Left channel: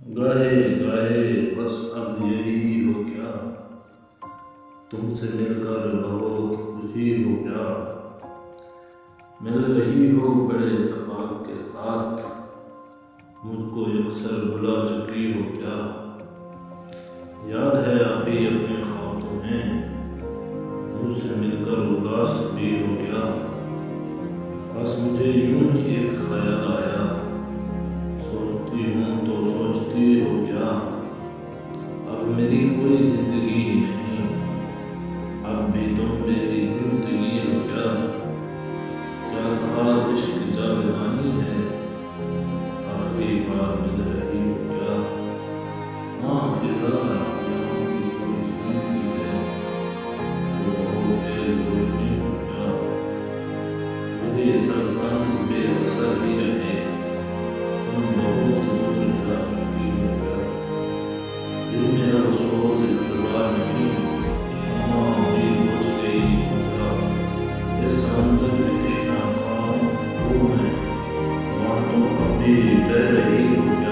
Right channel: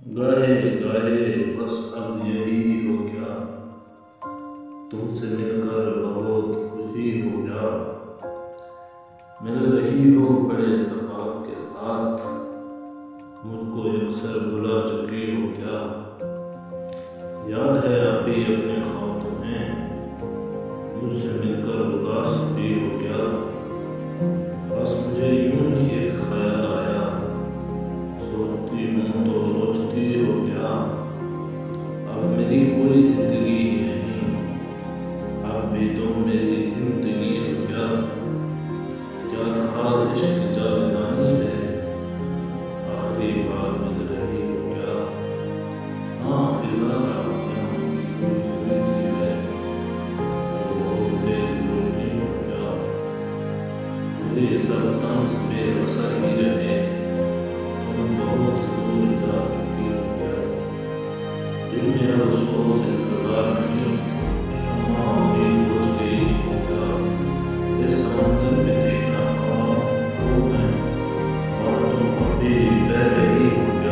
गाहे गाहे बस अब यही हो क्या, तुमसे मिलकर बहुत खुशी हो क्या। मिल रही हो बड़े इत्तेफाक के साथ, मुझको अक्सर भुला चुकी हो क्या। याद है आप भी अपने ख्वाब तुम्हें, मुझसे मिलकर उदास भी हो क्या। बस मुझे यूं ही एक ख्याल आया, सोचती हूँ तो सोचती हो क्या। अब मेरी कोई जिंदगी ही नहीं, अब भी तुम मेरी जिंदगी हो क्या। क्या कहा इश्क जावेदानी है, आखिरी बार मिल रही हो क्या। हाँ फिजा यहाँ की सुई सुई सी है, तो बहुत तेज रोशनी हो क्या। मेरे सर तंज बेअसर ही रहे, तुम बहुत दूर जा चुकी हो क्या। दिल में अब अफसोस इंतजार नहीं, शम्मा उम्मीद बुझ गई हो क्या। इस समंदर में तृष्णा कौन हूँ मैं, और तुम अब भी बह रही हो क्या।